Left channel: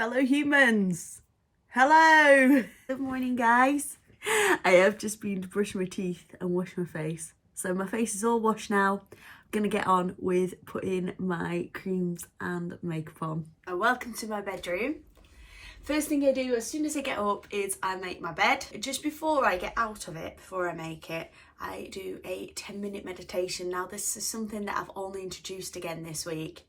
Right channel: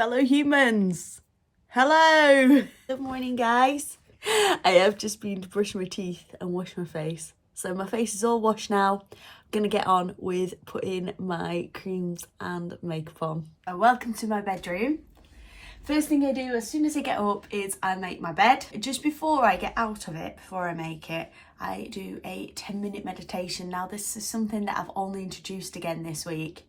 fellow humans. Hello. Good morning, guys. I have just been to brush my teeth and wash my face. So my face is all washed now. I'm gonna get on with putting my creams and makeup on. Welcome to my bedroom. First thing I do as soon as I get up is I make my bed. Just before I get out of it, before I make it, I do a 10-minute meditation. Now this is something that I've only introduced again this week.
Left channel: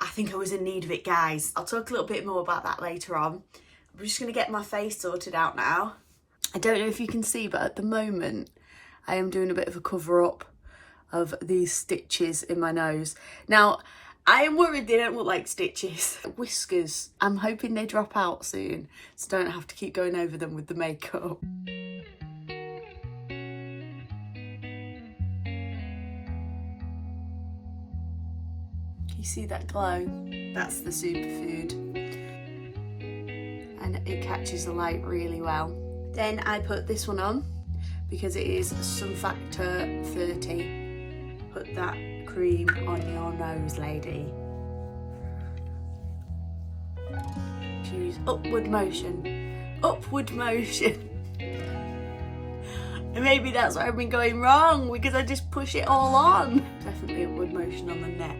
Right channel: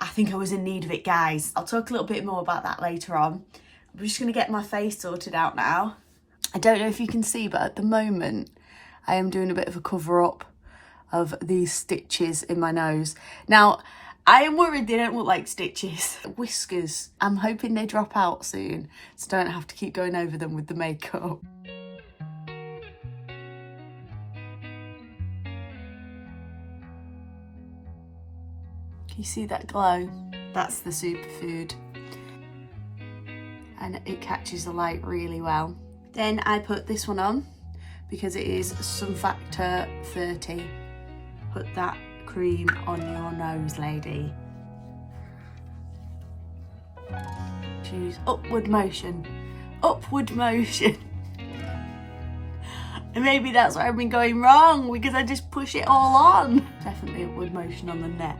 I think I was in need of it, guys. I'll talk a little bit more about that later on. I'm just gonna get my face sorted out now. I don't know if you can see, but at the moment I am doing a bit of a cover up of these stitches in my nose. Now, I am worried they don't look like stitches. Whiskers, I'm hoping they drop out soon, so I don't have to keep going over them with the makeup. Can you see that glow? That's the superfood. And it catches the light really well. Then I put this one on because it is Sun Factor 30. Put that cream on your nose, lady. Choose upward motion. Upward motion. And maybe that's where I've been going wrong, because I just push it all on. Definitely upward motion on the neck.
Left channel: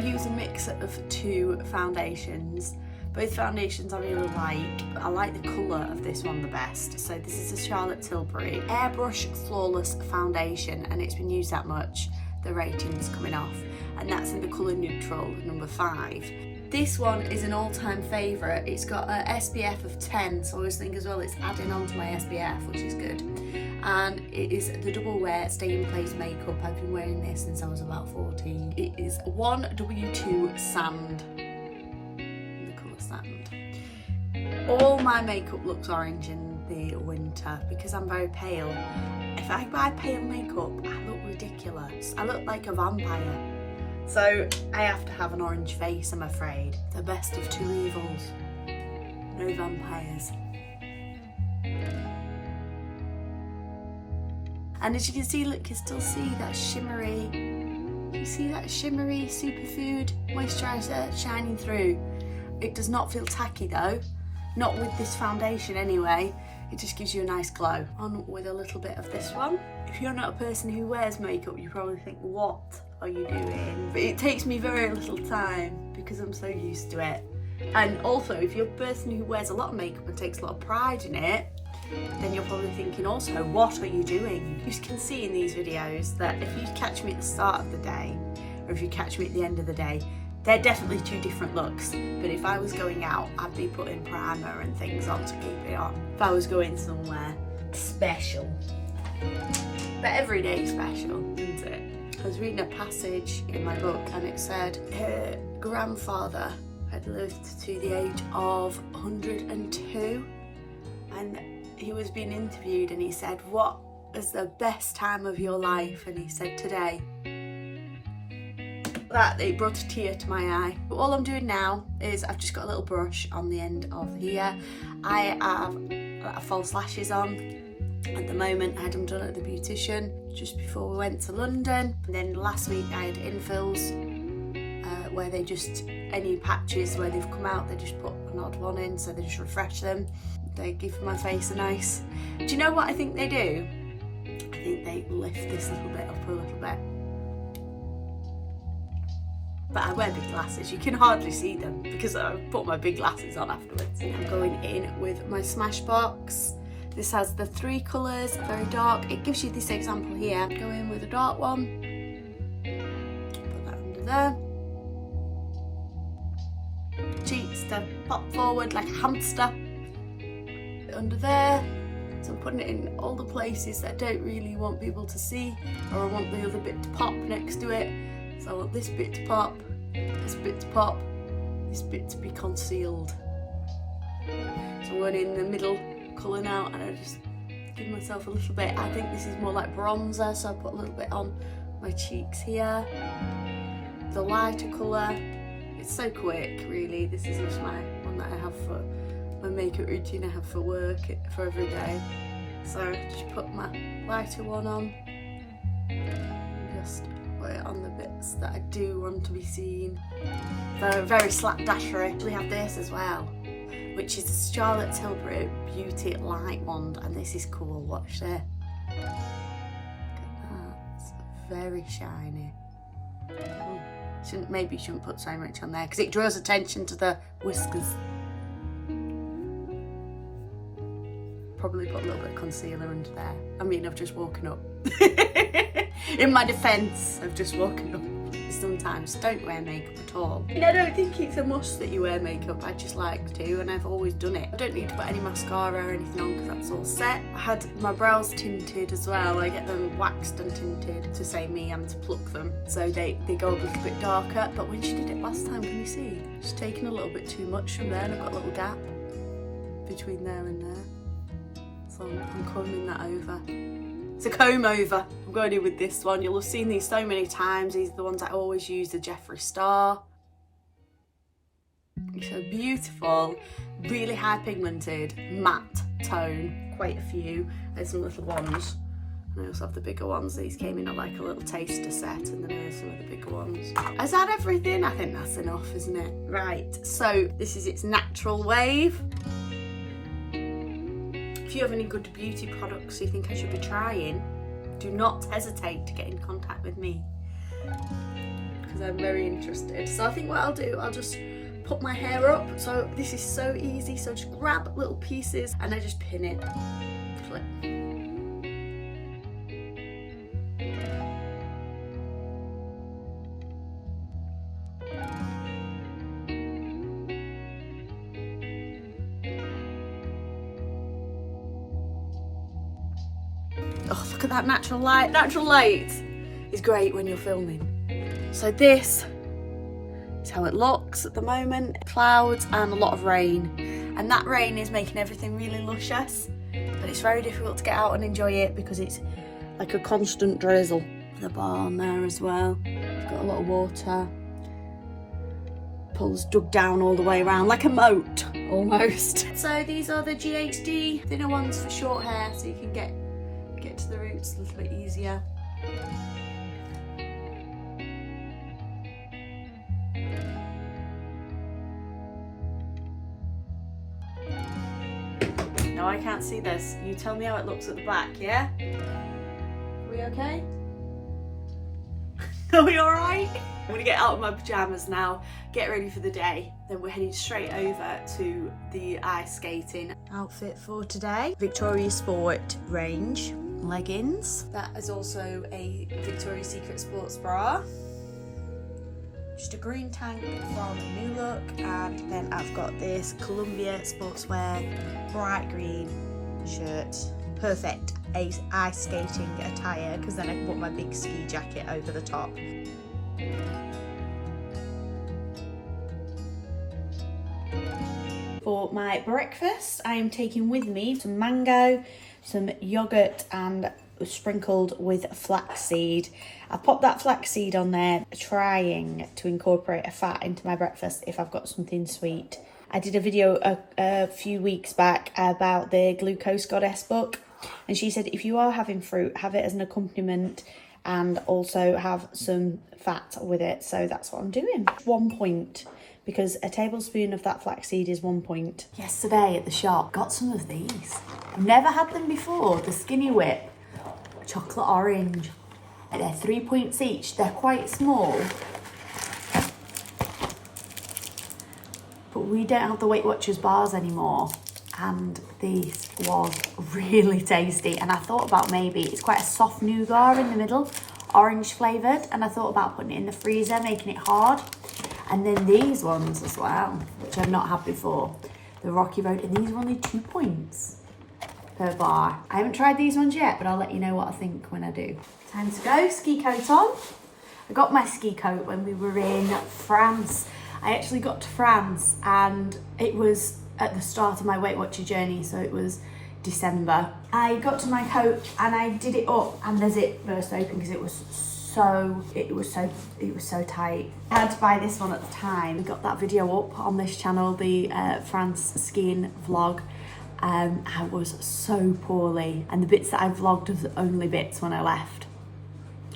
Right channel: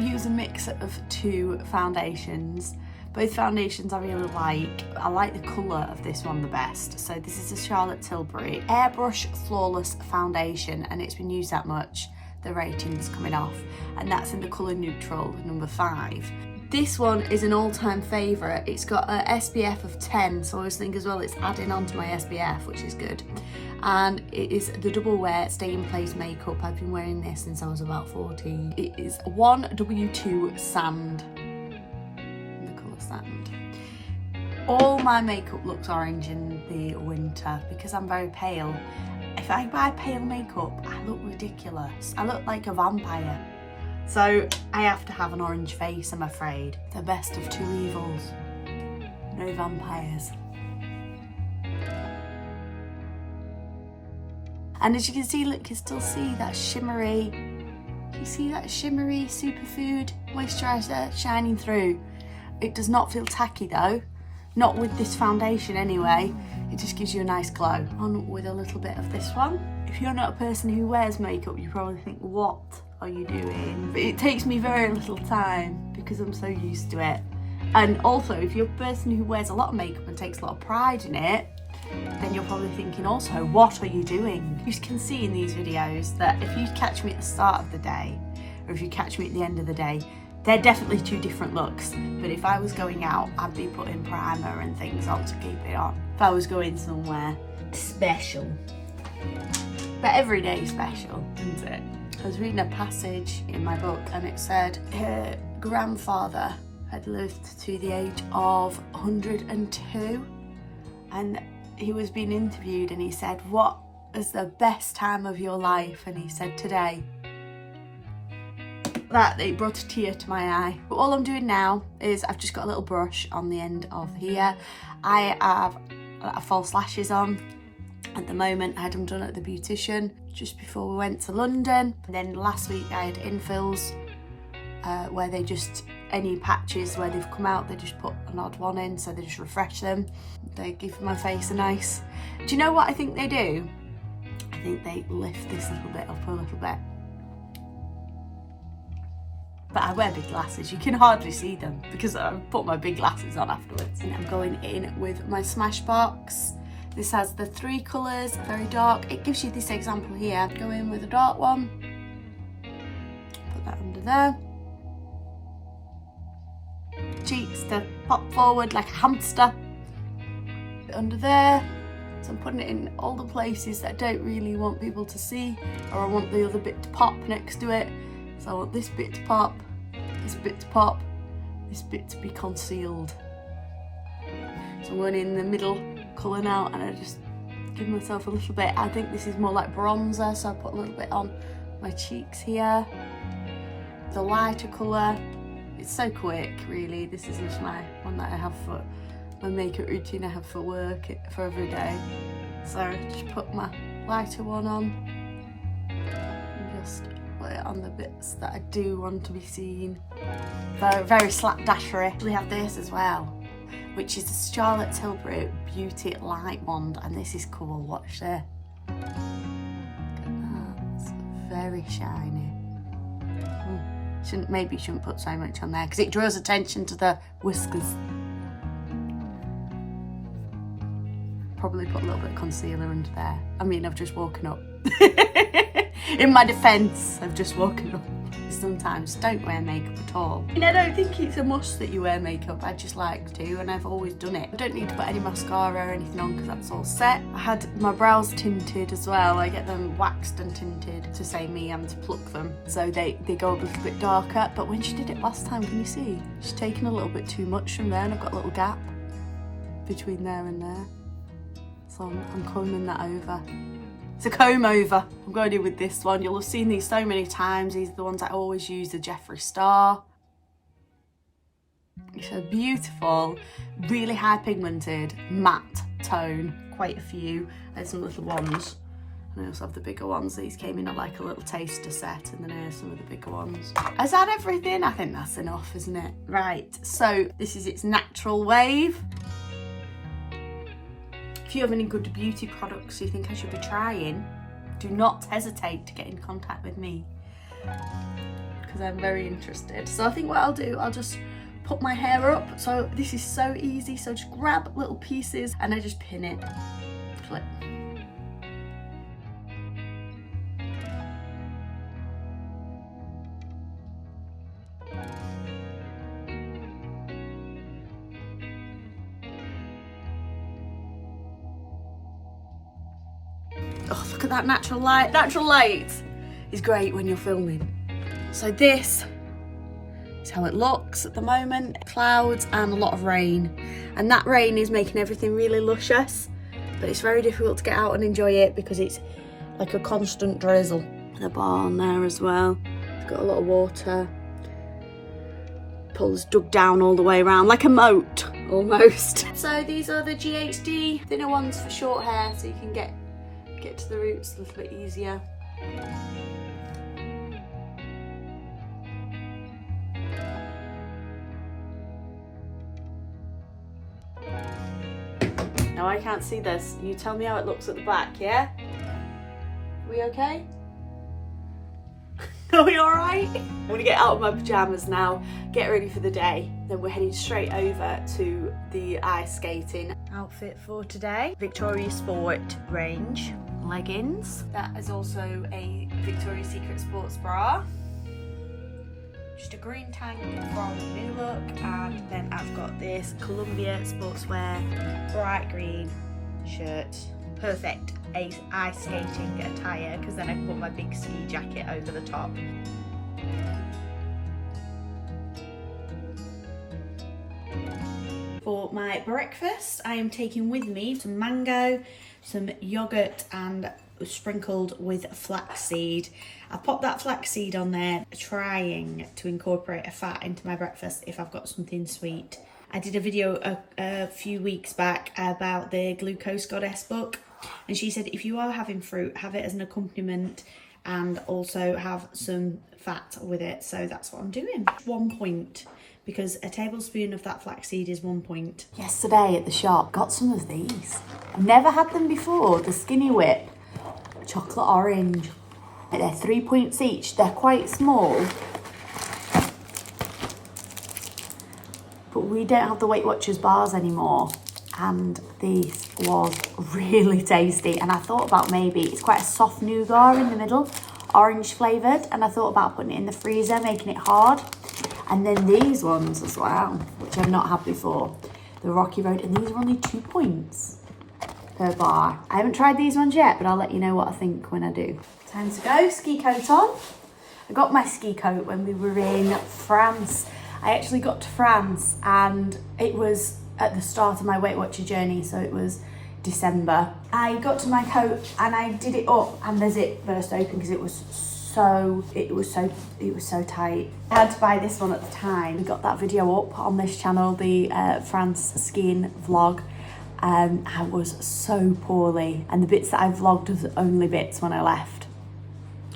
Use a mix of two foundations. Both foundations I really like. I like the colour of this one the best. So this is a Charlotte Tilbury Airbrush Flawless Foundation, and it's been used that much, the rating's coming off. And that's in the colour neutral, number 5. This one is an all-time favourite. It's got a SPF of 10, so I always think as well it's adding on to my SPF, which is good. And it is the double wear stay in place makeup. I've been wearing this since I was about 14. It is 1W2 Sand. Sand. All my makeup looks orange in the winter because I'm very pale. If I buy pale makeup, I look ridiculous. I look like a vampire. So I have to have an orange face, I'm afraid. The best of two evils. No vampires. And as you can see, look, you can still see that shimmery, you see that shimmery superfood moisturiser shining through. It does not feel tacky though, not with this foundation anyway. It just gives you a nice glow. On with a little bit of this one. If you're not a person who wears makeup, you probably think, what are you doing? But it takes me very little time because I'm so used to it. And also, if you're a person who wears a lot of makeup and takes a lot of pride in it, then you're probably thinking also, what are you doing? You can see in these videos that if you catch me at the start of the day, or if you catch me at the end of the day, they're definitely two different looks. But if I was going out, I'd be putting primer and things on to keep it on. If I was going somewhere special. But every day is special, isn't it? I was reading a passage in my book and it said her grandfather had lived to the age of 102, and he was being interviewed and he said, what is the best time of your life? And he said, today. That it brought a tear to my eye. But all I'm doing now is I've just got a little brush on the end of here. I have false lashes on at the moment. I had them done at the beautician just before we went to London. And then last week I had infills where they just, any patches where they've come out, they just put an odd one in, so they just refresh them. They give my face a nice, do you know what I think they do? I think they lift this little bit up a little bit. But I wear big glasses, you can hardly see them because I put my big glasses on afterwards. And I'm going in with my Smashbox. This has the 3 colours, very dark. It gives you this example here. Go in with a dark one, put that under there. Cheeks to pop forward like a hamster. Under there. So I'm putting it in all the places that I don't really want people to see, or I want the other bit to pop next to it. So I want this bit to pop, this bit to pop, this bit to be concealed. So I'm going in the middle colour now, and I just give myself a little bit. I think this is more like bronzer, so I put a little bit on my cheeks here. The lighter colour, it's so quick really. This is just my one that I have for my makeup routine I have for work, for every day. So just put my lighter one on and just put it on the bits that I do want to be seen. Very, very slapdashery. We have this as well, which is the Charlotte Tilbury Beauty Light Wand, and this is cool. Watch this. Look at that. It's very shiny. Maybe shouldn't put so much on there because it draws attention to the whiskers. Probably put a little bit of concealer under there. I mean, I've just woken up. In my defence, I've just woken up. Sometimes don't wear makeup at all. I don't think it's a must that you wear makeup. I just like to, and I've always done it. I don't need to put any mascara or anything on because that's all set. I had my brows tinted as well. I get them waxed and tinted to say me and to pluck them, so they go a little bit darker. But when she did it last time, can you see? She's taken a little bit too much from there, and I've got a little gap between there and there. So I'm combing that over. It's a comb over. I'm going in with this one. You'll have seen these so many times. These are the ones I always use, the Jeffree Star. It's a beautiful, really high pigmented, matte tone. Quite a few. There's some little ones. And I also have the bigger ones. These came in like a little taster set, and then here's some of the bigger ones. Is that everything? I think that's enough, isn't it? Right, so this is its natural wave. If you have any good beauty products you think I should be trying, do not hesitate to get in contact with me because I'm very interested. So I think what I'll do, I'll just put my hair up. So this is so easy. So just grab little pieces and I just pin it. Flip. Oh, look at that natural light. Natural light is great when you're filming. So this is how it looks at the moment. Clouds and a lot of rain. And that rain is making everything really luscious, but it's very difficult to get out and enjoy it because it's like a constant drizzle. The barn there as well. It's got a lot of water. Pool's dug down all the way around, like a moat, almost. So these are the GHD thinner ones for short hair, so you can get to the roots a little bit easier. Now I can't see this. You tell me how it looks at the back, yeah? Are we okay? Are we alright? I'm gonna get out of my pyjamas now, get ready for the day. Then we're heading straight over to the ice skating. Outfit for today, Victoria's Sport range. Leggings. That is also a Victoria's Secret sports bra. Just a green tank from New Look, and then I've got this Columbia sportswear bright green shirt. Perfect ice skating attire because then I can put my big ski jacket over the top. For my breakfast, I am taking with me some mango, some yogurt, and sprinkled with flaxseed. I popped that flaxseed on there, trying to incorporate a fat into my breakfast if I've got something sweet. I did a video a few weeks back about the Glucose Goddess book, and she said if you are having fruit, have it as an accompaniment and also have some fat with it. So that's what I'm doing. 1 point, because a tablespoon of that flaxseed is 1 point. Yesterday at the shop, got some of these. I've never had them before. The Skinny Whip chocolate orange. They're 3 points each. They're quite small, but we don't have the Weight Watchers bars anymore, and this was really tasty. And I thought about maybe, it's quite a soft nougat in the middle, orange flavoured, and I thought about putting it in the freezer, making it hard. And then these ones as well, which I've not had before, the Rocky Road, and these are only 2 points per bar. I haven't tried these ones yet, but I'll let you know what I think when I do. Time to go, ski coat on. I got my ski coat when we were in France. I actually got to France and it was at the start of my Weight Watcher journey, so it was December. I got to my coat and I did it up and the zip burst open because it was so tight. I had to buy this one at the time. We got that video up on this channel, the France skiing vlog. I was so poorly, and the bits that I vlogged was the only bits when I left.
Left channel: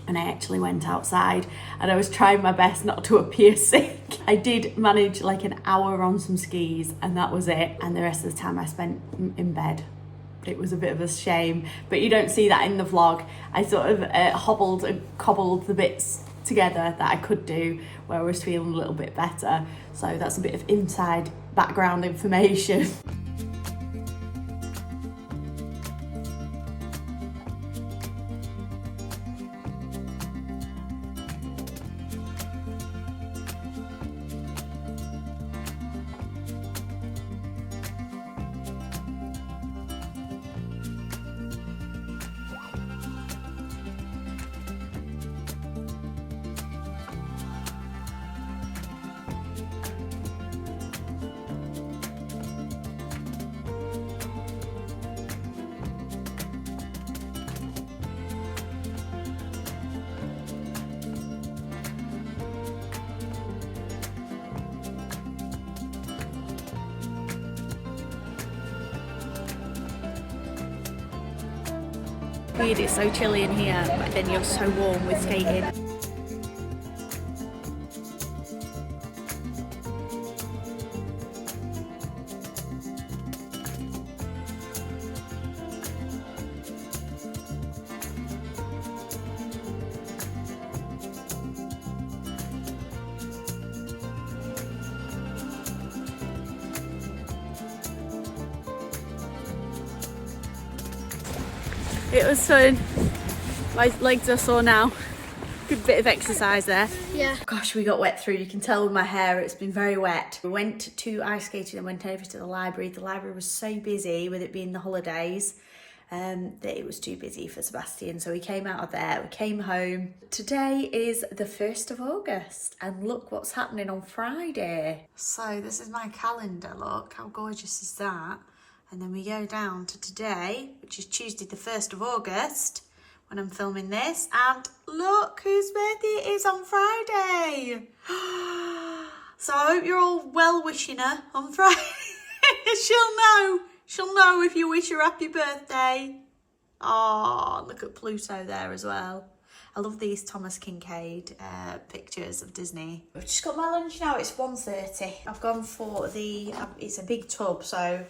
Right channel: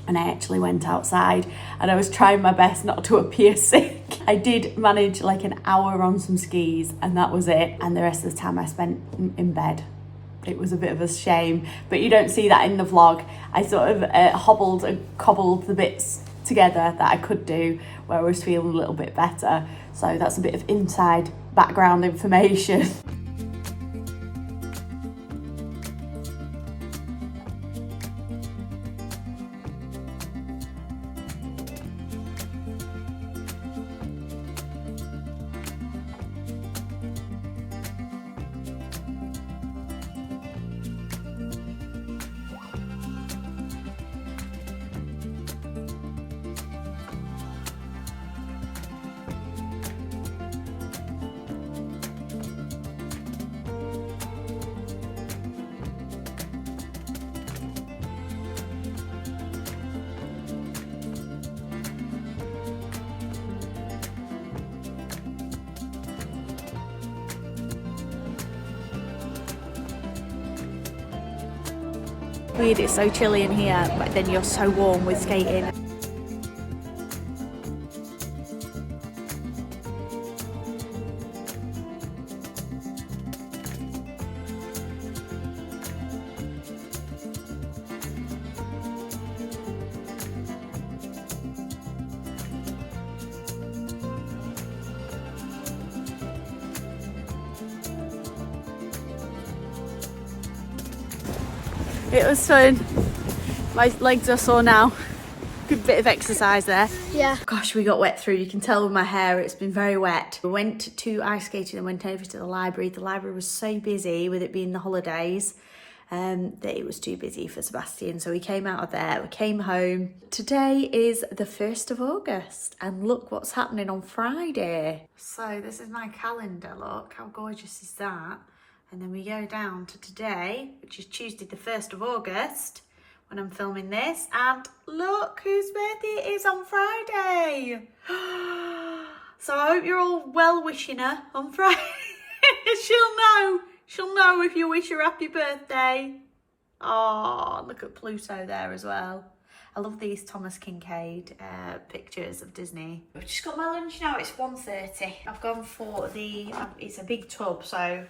and I actually went outside and I was trying my best not to appear sick. I did manage like an hour on some skis and that was it, and the rest of the time I spent in bed. It was a bit of a shame, but you don't see that in the vlog. I sort of hobbled and cobbled the bits together that I could do where I was feeling a little bit better. So that's a bit of inside background information. Weird, it's so chilly in here, but then you're so warm with skating. It was fun. My legs are sore now. Good bit of exercise there. Yeah. Gosh, we got wet through. You can tell with my hair, it's been very wet. We went to ice skating and went over to the library. The library was so busy with it being the holidays that it was too busy for Sebastian. So we came out of there, we came home. Today is the 1st of August and look what's happening on Friday. So this is my calendar, look, how gorgeous is that? And then we go down to today, which is Tuesday the 1st of August, when I'm filming this. And look whose birthday it is on Friday. So I hope you're all well wishing her on Friday. She'll know if you wish her happy birthday. Oh, look at Pluto there as well. I love these Thomas Kincaid pictures of Disney. I've just got my lunch now, it's 1:30. I've gone for it's a big tub, so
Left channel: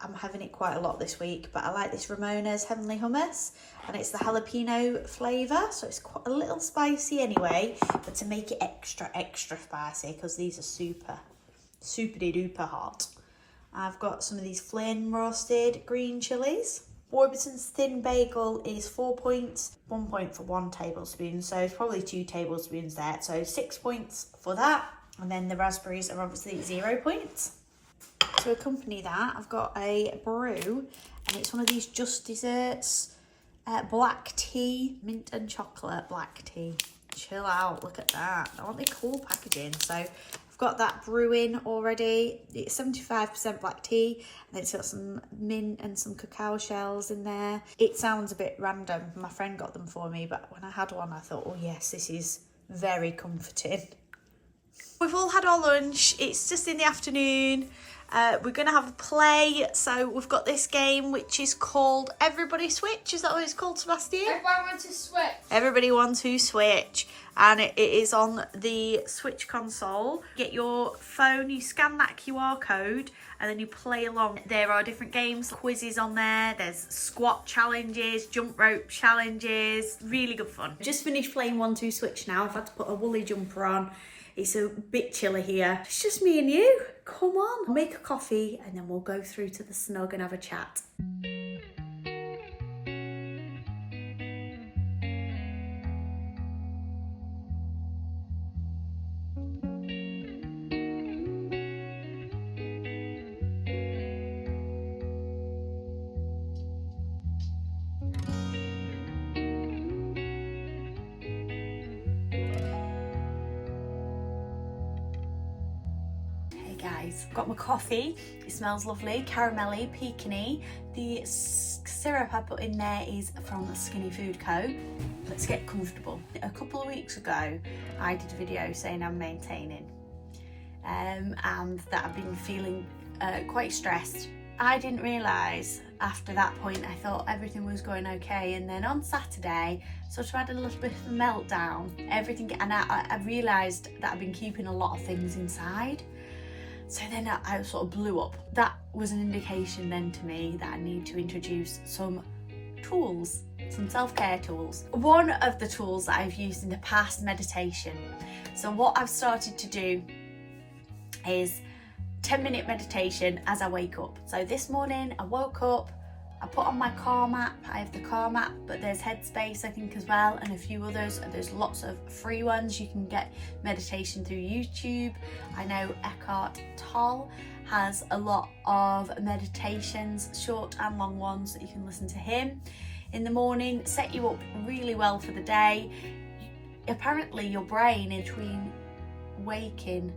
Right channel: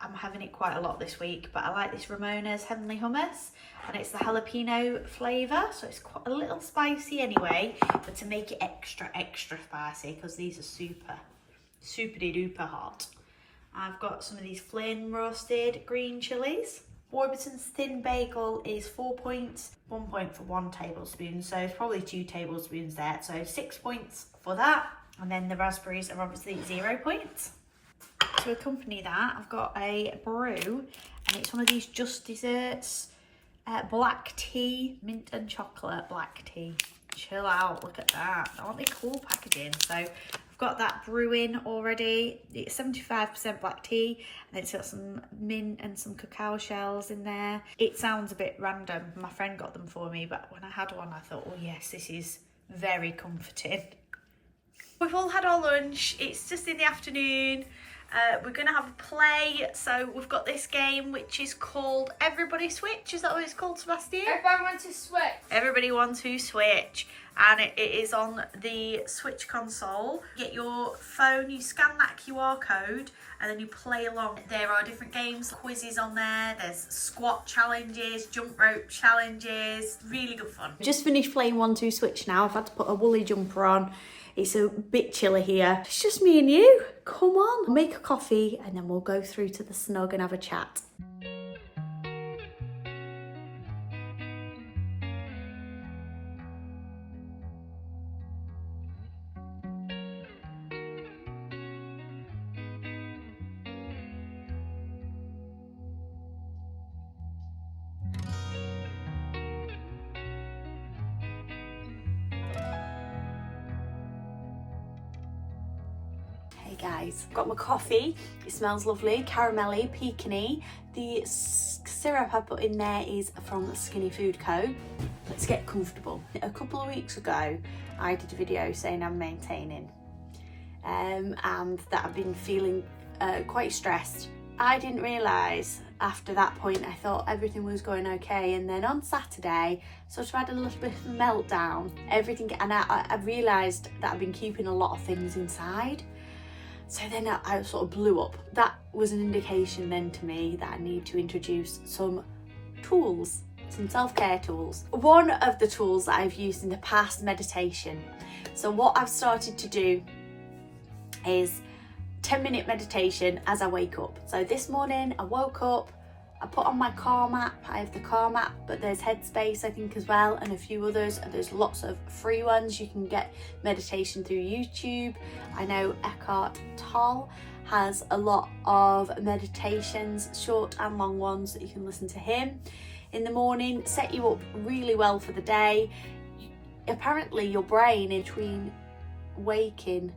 I'm having it quite a lot this week, but I like this Ramona's Heavenly Hummus, and it's the jalapeno flavour, so it's quite a little spicy anyway, but to make it extra spicy, because these are super duper hot. I've got some of these Flynn roasted green chilies. Warburton's thin bagel is 4 points, 1 point for 1 tablespoon, so it's probably 2 tablespoons there, so 6 points for that. And then the raspberries are obviously 0 points. To accompany that, I've got a brew, and it's one of these Just Desserts black tea, mint and chocolate black tea. Chill out, look at that. I want the cool packaging. So I've got that brewing already. It's 75% black tea, and it's got some mint and some cacao shells in there. It sounds a bit random. My friend got them for me, but when I had one, I thought, oh yes, this is very comforting. We've all had our lunch. It's just in the afternoon. We're going to have a play, so we've got this game which is called Everybody Switch. Is that what it's called, Sebastian? Everybody wants to switch. Everybody wants to switch, and it is on the Switch console. You get your phone, you scan that QR code, and then you play along. There are different games, quizzes on there. There's squat challenges, jump rope challenges. Really good fun. Just finished playing 1-2 Switch now. I've had to put a woolly jumper on. It's a bit chilly here. It's just me and you. Come on, make a coffee and then we'll go through to the snug and have a chat. Guys, got my coffee. It smells lovely, caramelly, pecany. The syrup I put in there is from Skinny Food Co. Let's get comfortable. A couple of weeks ago, I did a video saying I'm maintaining and that I've been feeling quite stressed. I didn't realise after that point, I thought everything was going okay, and then on Saturday So I've had a little bit of a meltdown, everything, and I realised that I've been keeping a lot of things inside. So then I sort of blew up. That was an indication then to me that I need to introduce some tools, some self-care tools. One of the tools that I've used in the past, meditation. So what I've started to do is 10-minute meditation as I wake up. So this morning I woke up, I put on my Calm app. I have the Calm app, but there's Headspace I think as well, and a few others. And there's lots of free ones. You can get meditation through YouTube. I know Eckhart Tolle has a lot of meditations, short and long ones, that you can listen to him in the morning. Set you up really well for the day. Apparently your brain, in between waking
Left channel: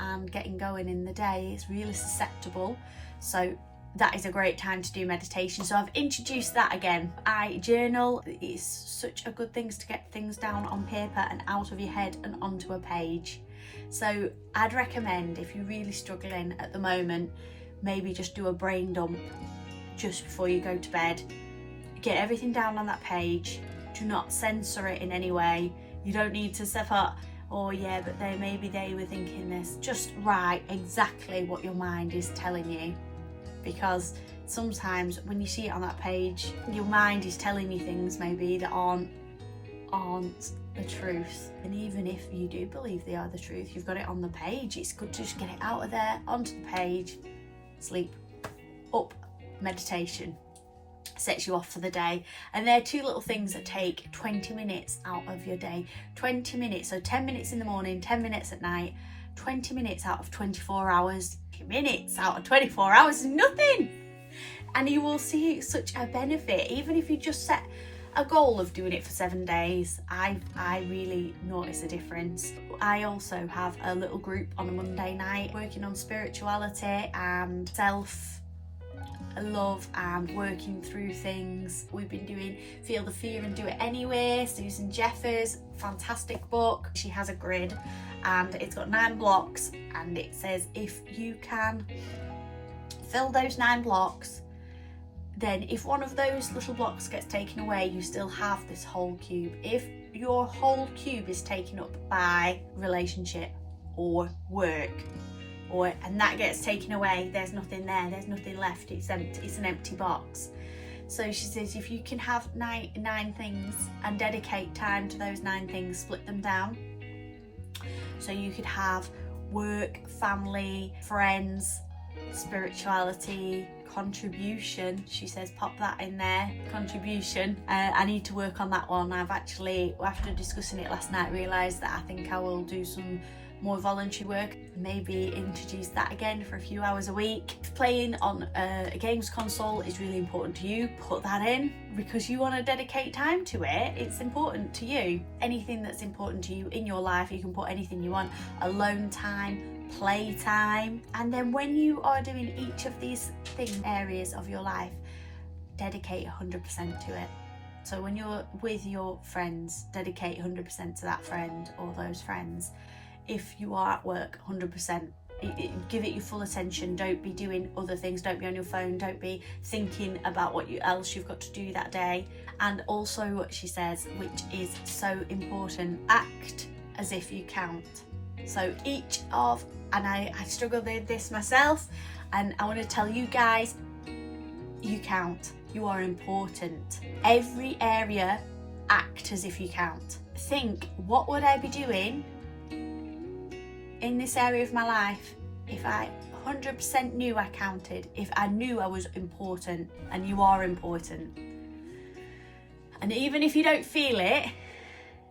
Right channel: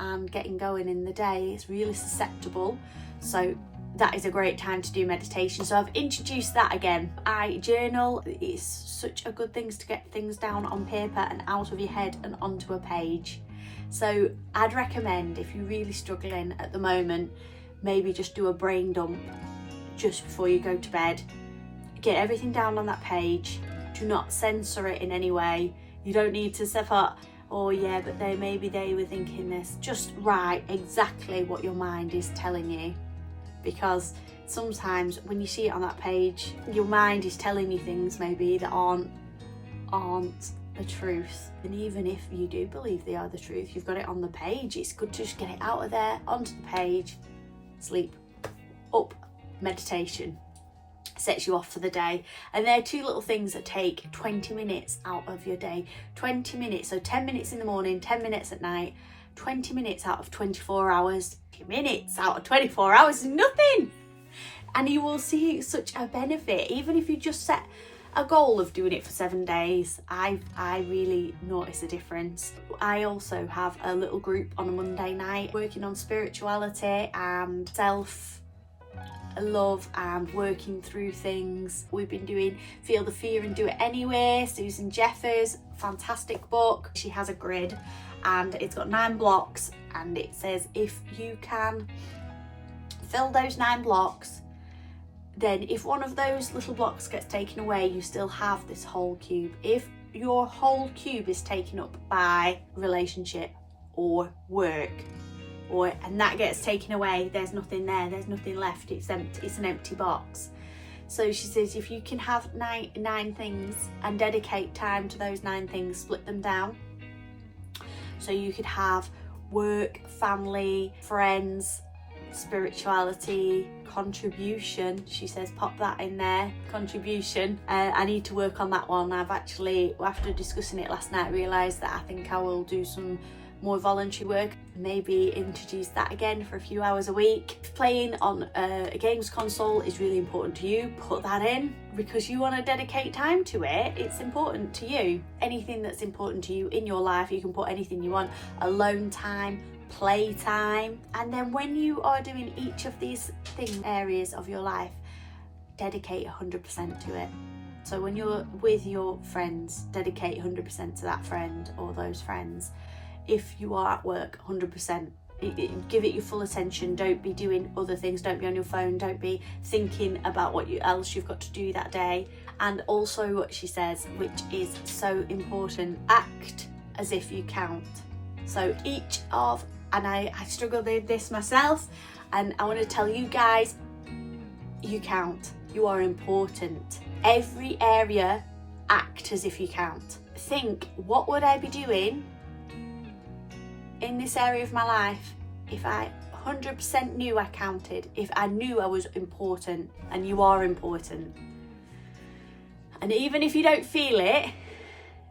and getting going in the day, is really susceptible. So that is a great time to do meditation. So I've introduced that again. I journal. It's such a good thing to get things down on paper and out of your head and onto a page. So I'd recommend, if you're really struggling at the moment, maybe just do a brain dump just before you go to bed. Get everything down on that page. Do not censor it in any way. You don't need to say, oh yeah, but maybe they were thinking this. Just write exactly what your mind is telling you. Because sometimes when you see it on that page, your mind is telling you things maybe that aren't the truth. And even if you do believe they are the truth, you've got it on the page. It's good to just get it out of there, onto the page. Sleep, up, meditation. Sets you off for the day. And they're two little things that take 20 minutes out of your day. 20 minutes, so 10 minutes in the morning, 10 minutes at night, 20 minutes out of 24 hours. Minutes out of 24 hours is nothing, and you will see such a benefit. Even if you just set a goal of doing it for 7 days, I really notice a difference. I also have a little group on a Monday night working on spirituality and self-love and working through things. We've been doing Feel the Fear and Do It Anyway. Susan Jeffers, fantastic book. She has a grid and it's got 9 blocks, and it says if you can fill those 9 blocks, then if one of those little blocks gets taken away, you still have this whole cube. If your whole cube is taken up by relationship or work, and that gets taken away, there's nothing there, there's nothing left, it's empty, it's an empty box. So she says if you can have nine things and dedicate time to those 9 things, split them down. So you could have work, family, friends, spirituality, contribution. She says pop that in there, contribution. I need to work on that one. I've actually, after discussing it last night, realised that I think I will do some more voluntary work, maybe introduce that again for a few hours a week. If playing on a games console is really important to you, put that in, because you want to dedicate time to it. It's important to you. Anything that's important to you in your life, you can put anything you want. Alone time, play time. And then when you are doing each of these areas of your life, dedicate 100% to it. So when you're with your friends, dedicate 100% to that friend or those friends. If you are at work, 100%. Give it your full attention. Don't be doing other things. Don't be on your phone. Don't be thinking about what else you've got to do that day. And also what she says, which is so important, act as if you count. So and I struggle with this myself, and I want to tell you guys, you count. You are important. Every area, act as if you count. Think, what would I be doing in this area of my life if I 100% knew I counted, if I knew I was important? And you are important. And even if you don't feel it,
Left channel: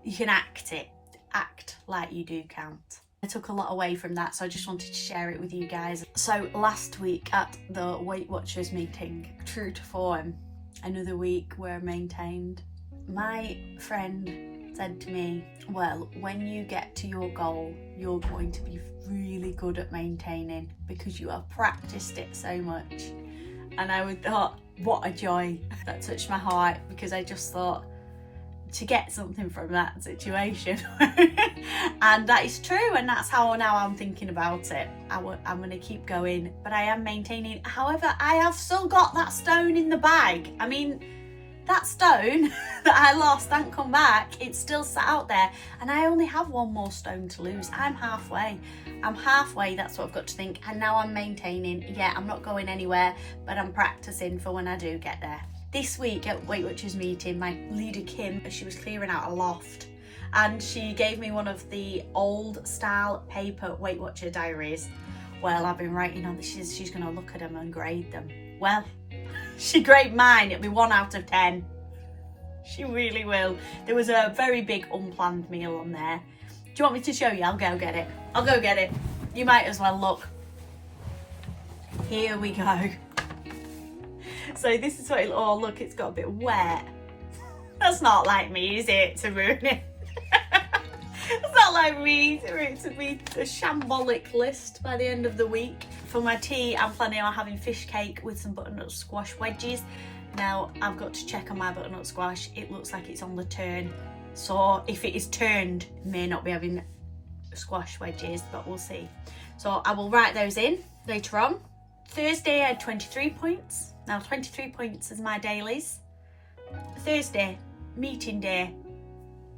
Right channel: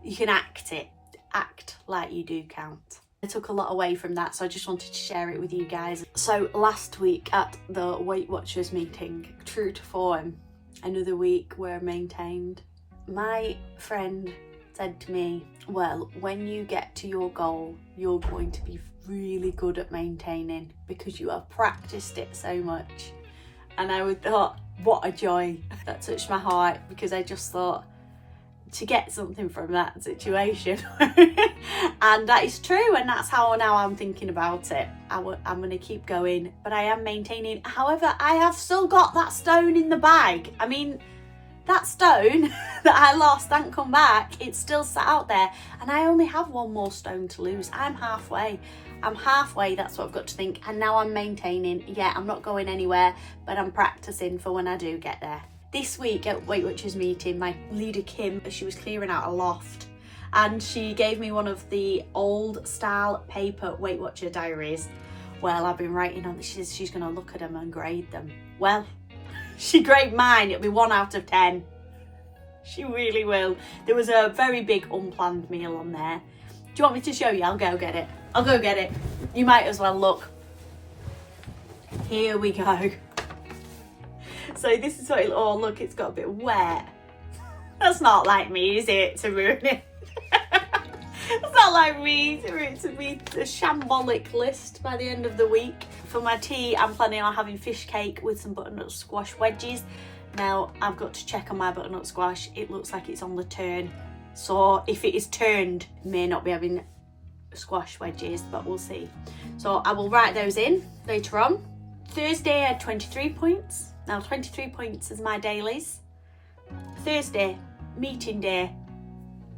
you can act it. Act like you do count. I took a lot away from that, so I just wanted to share it with you guys. So last week at the Weight Watchers meeting, true to form, another week were maintained. My friend said to me, well, when you get to your goal, you're going to be really good at maintaining because you have practiced it so much. And I thought, what a joy. That touched my heart, because I just thought, to get something from that situation. And that is true, and that's how now I'm thinking about it. I'm going to keep going, but I am maintaining. However, I have still got that stone in the bag. I mean, that stone that I lost and come back, it's still sat out there, and I only have one more stone to lose. I'm halfway, that's what I've got to think. And now I'm maintaining. Yeah, I'm not going anywhere, but I'm practicing for when I do get there. This week at Weight Watchers meeting, my leader Kim, she was clearing out a loft, and she gave me one of the old style paper Weight Watcher diaries. Well, I've been writing on, she's going to look at them and grade them. Well, she graded mine, it'll be 1 out of 10. She really will. There was a very big unplanned meal on there. Do you want me to show you? I'll go get it. I'll go get it. You might as well look. Here we go. So this is what it, oh look, it's got a bit wet. That's not like me, is it, to ruin it? It's not like me to be a shambolic list by the end of the week. For my tea, I'm planning on having fish cake with some butternut squash wedges. Now, I've got to check on my butternut squash. It looks like it's on the turn. So if it is turned, may not be having squash wedges, but we'll see. So I will write those in later on. Thursday, I had 23 points. Now, 23 points is my dailies. Thursday, meeting day.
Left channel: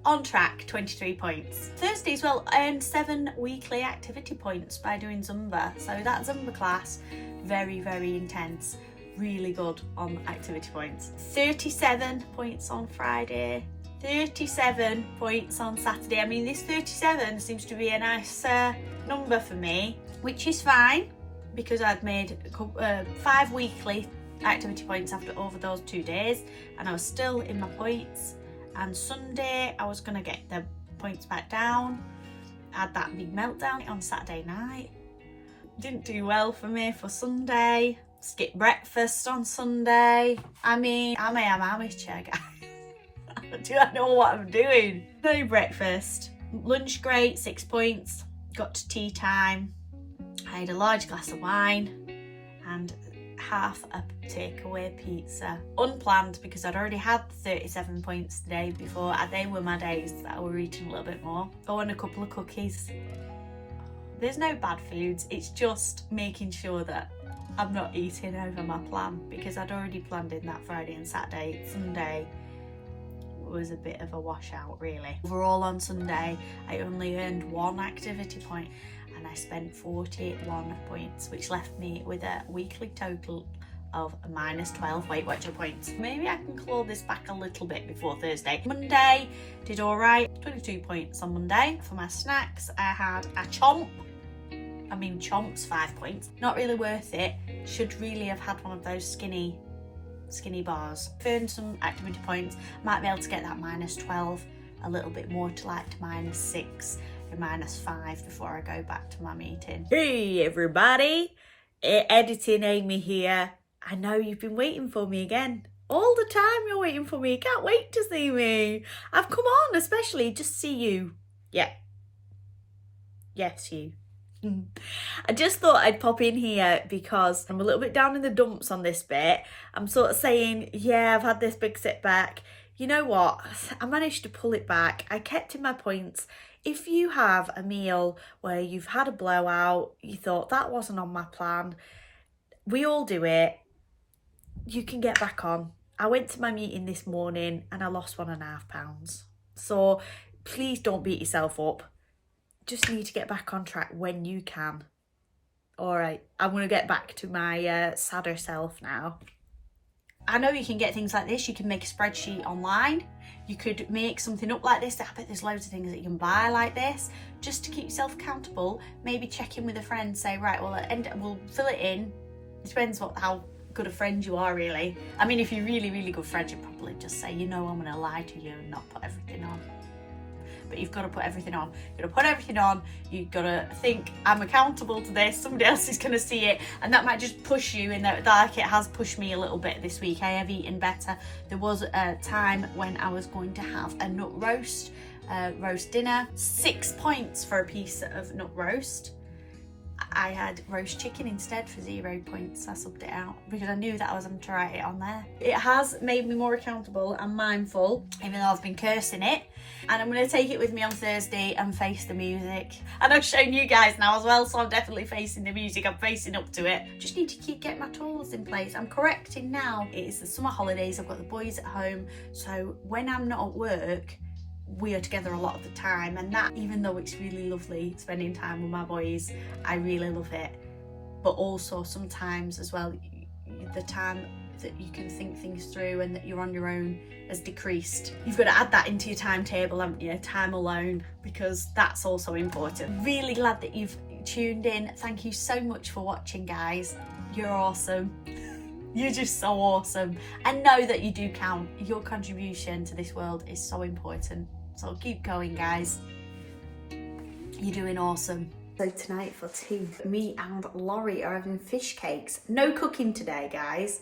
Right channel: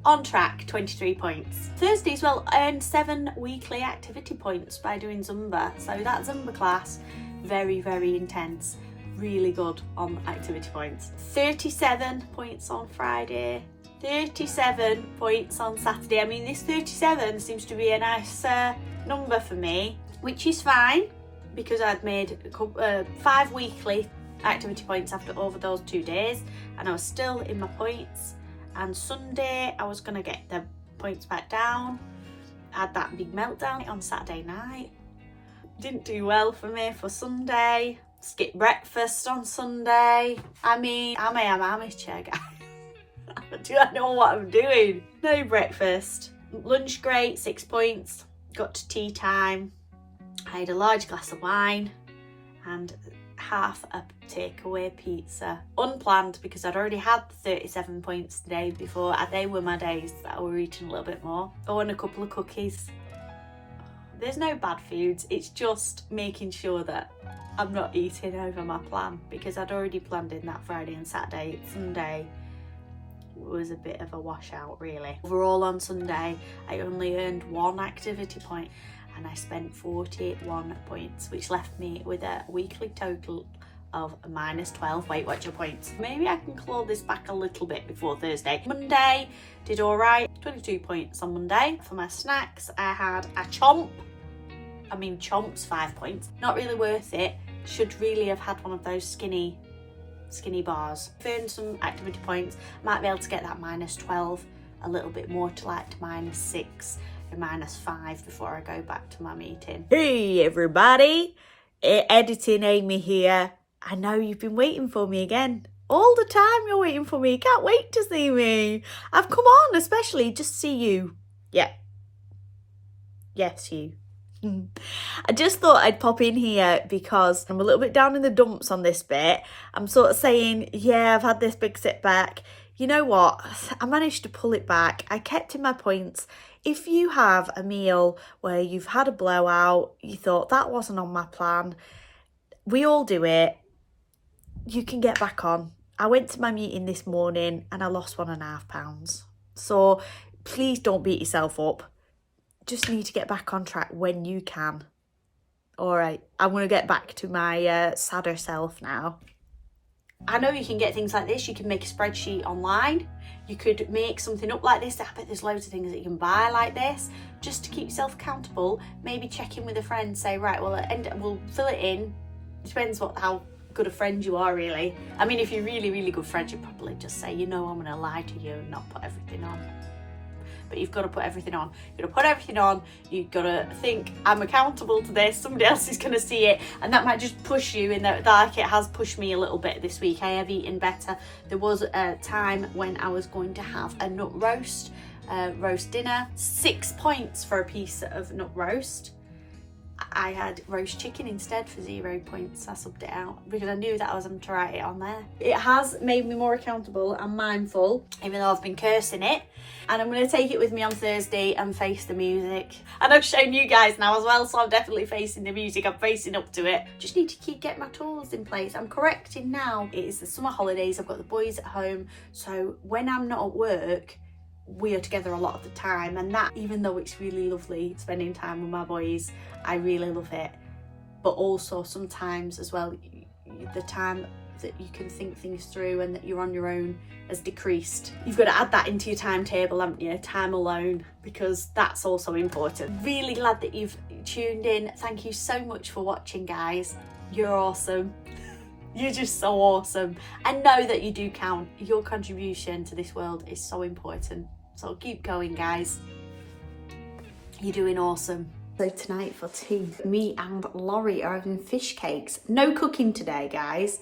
On track, 23 points. Thursday as well, I earned 7 weekly activity points by doing Zumba. So that Zumba class, very, very intense. Really good on activity points. 37 points on Friday. 37 points on Saturday. I mean, this 37 seems to be a nice number for me, which is fine because I'd made 5 weekly activity points over those 2 days, and I was still in my points. And Sunday I was gonna get the points back down. I had that big meltdown on Saturday night. Didn't do well for me for Sunday. Skipped breakfast on Sunday. I mean, I am amateur, guys. Do I know what I'm doing? No breakfast. Lunch great, 6 points. Got to tea time. I had a large glass of wine and half a takeaway pizza. Unplanned because I'd already had 37 points the day before. They were my days that I were eating a little bit more. Oh, and a couple of cookies. There's no bad foods. It's just making sure that I'm not eating over my plan, because I'd already planned in that Friday and Saturday. Sunday was a bit of a washout, really. Overall on Sunday, I only earned 1 activity point and I spent 41 points, which left me with a weekly total of minus 12 Weight Watcher points. Maybe I can claw this back a little bit before Thursday. Monday, did all right, 22 points on Monday. For my snacks, I had a chomp. I mean, chomp's 5 points. Not really worth it. Should really have had one of those skinny bars. Earned some activity points. Might be able to get that minus 12 a little bit more to like to minus 6 or minus 5 before I go back to my meeting. Hey everybody, Editing Amy here. I know you've been waiting for me again. All the time you're waiting for me. Can't wait to see me. I've come on especially just to see you. Yeah. Yes, you. I just thought I'd pop in here because I'm a little bit down in the dumps on this bit. I'm sort of saying, yeah, I've had this big setback. You know what? I managed to pull it back. I kept in my points. If you have a meal where you've had a blowout, you thought that wasn't on my plan, we all do it. You can get back on. I went to my meeting this morning and I lost 1.5 pounds. So please don't beat yourself up. Just need to get back on track when you can. All right, I'm going to get back to my sadder self now. I know you can get things like this. You can make a spreadsheet online. You could make something up like this. I bet there's loads of things that you can buy like this just to keep yourself accountable. Maybe check in with a friend, say, right, well, we'll fill it in. It depends how good a friend you are, really. I mean, if you're really, really good friends, you'd probably just say, you know, I'm going to lie to you and not put everything on. But you've got to put everything on. You've got to put everything on. You've got to think, I'm accountable to this. Somebody else is going to see it. And that might just push you in the dark. It has pushed me a little bit this week. I have eaten better. There was a time when I was going to have a nut roast dinner. 6 points for a piece of nut roast. I had roast chicken instead for 0 points. I subbed it out because I knew that I was going to write it on there. It has made me more accountable and mindful, even though I've been cursing it. And I'm going to take it with me on Thursday and face the music. And I've shown you guys now as well, so I'm definitely facing the music. I'm facing up to it. Just need to keep getting my tools in place. I'm correcting now. It is the summer holidays. I've got the boys at home. So when I'm not at work, we are together a lot of the time, and that, even though it's really lovely spending time with my boys, I really love it, but also sometimes as well the time that you can think things through and that you're on your own has decreased. You've got to add that into your timetable, haven't you? Time alone, because that's also important. Really glad that you've tuned in. Thank you so much for watching, guys. You're awesome. You're just so awesome, and know that you do count. Your contribution to this world is so important. So keep going, guys. You're doing awesome. So tonight for tea, me and Laurie are having fish cakes. No cooking today, guys.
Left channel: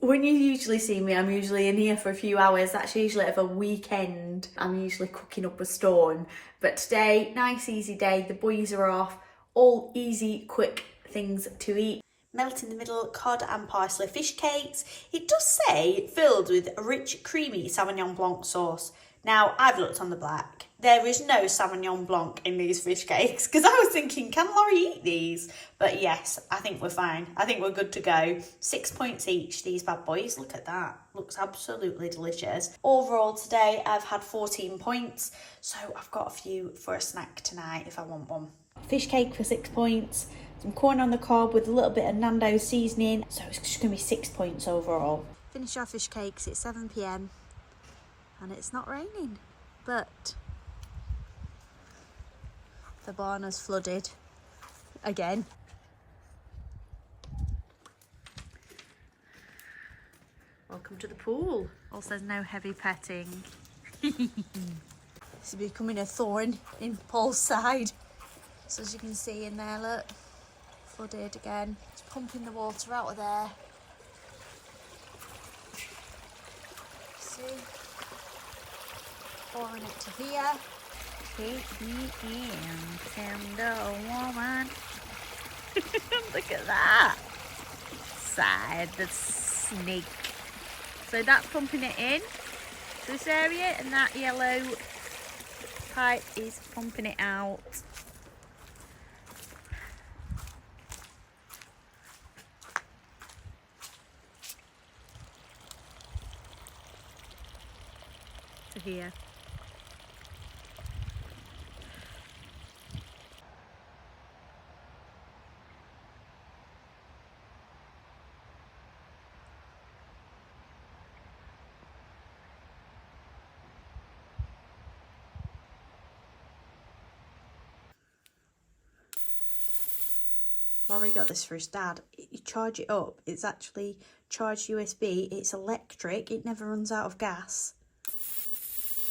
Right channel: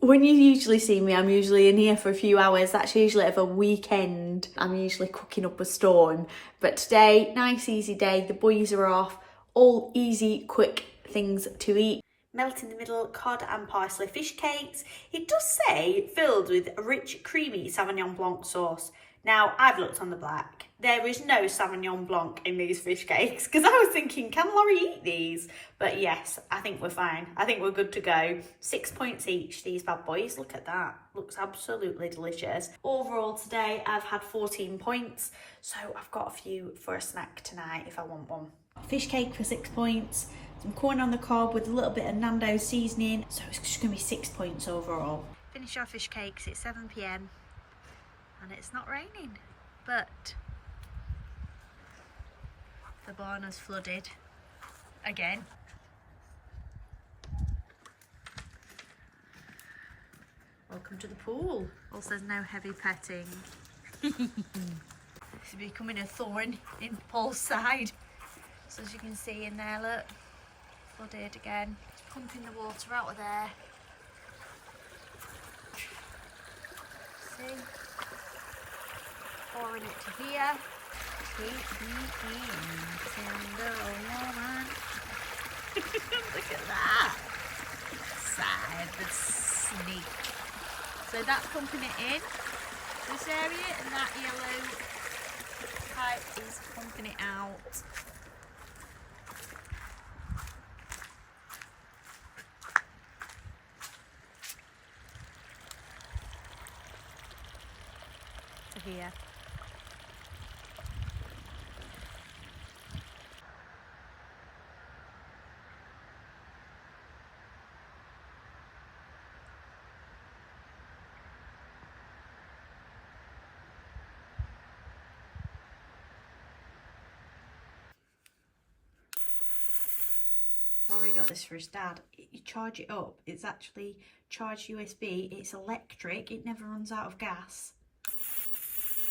When you usually see me, I'm usually in here for a few hours. That's usually of a weekend. I'm usually cooking up a storm. But today, nice easy day. The boys are off. All easy, quick things to eat. Melt in the middle cod and parsley fish cakes. It does say filled with rich, creamy Sauvignon Blanc sauce. Now, I've looked on the back. There is no Sauvignon Blanc in these fish cakes, because I was thinking, can Laurie eat these? But yes, I think we're fine. I think we're good to go. 6 points each, these bad boys. Look at that. Looks absolutely delicious. Overall today, I've had 14 points, so I've got a few for a snack tonight if I want one. Fish cake for 6 points. Some corn on the cob with a little bit of Nando's seasoning. So it's just going to be 6 points overall. Finished our fish cakes. It's 7 p.m. and it's not raining, but the barn has flooded again. Welcome to the pool. Also, there's no heavy petting. This is becoming a thorn in Paul's side. So as you can see in there, look, flooded again. It's pumping the water out of there. See? Pouring it to here. Take me in, tender woman. Look at that. Side the snake. So that's pumping it in this area, and that yellow pipe is pumping it out. To here. Laurie got this for his dad. You charge it up, it's actually charged USB, it's electric, it never runs out of gas.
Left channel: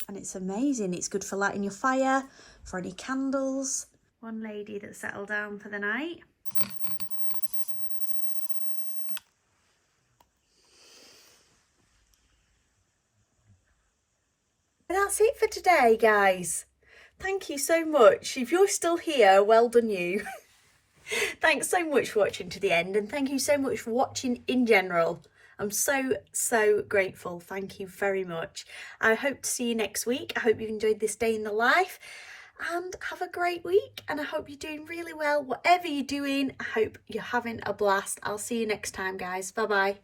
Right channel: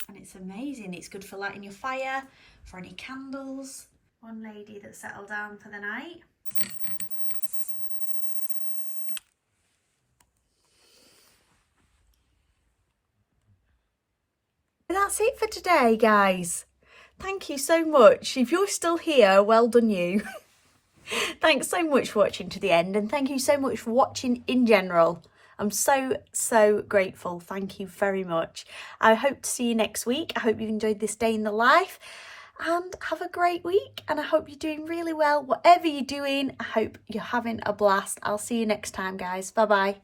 And it's amazing. It's good for lighting your fire, for any candles. One lady that settled down for the night. And that's it for today, guys. Thank you so much. If you're still here, well done you. Thanks so much for watching to the end, and thank you so much for watching in general. I'm so grateful. Thank you very much. I hope to see you next week. I hope you've enjoyed this day in the life, and have a great week. And I hope you're doing really well. Whatever you're doing, I hope you're having a blast. I'll see you next time, guys. Bye bye.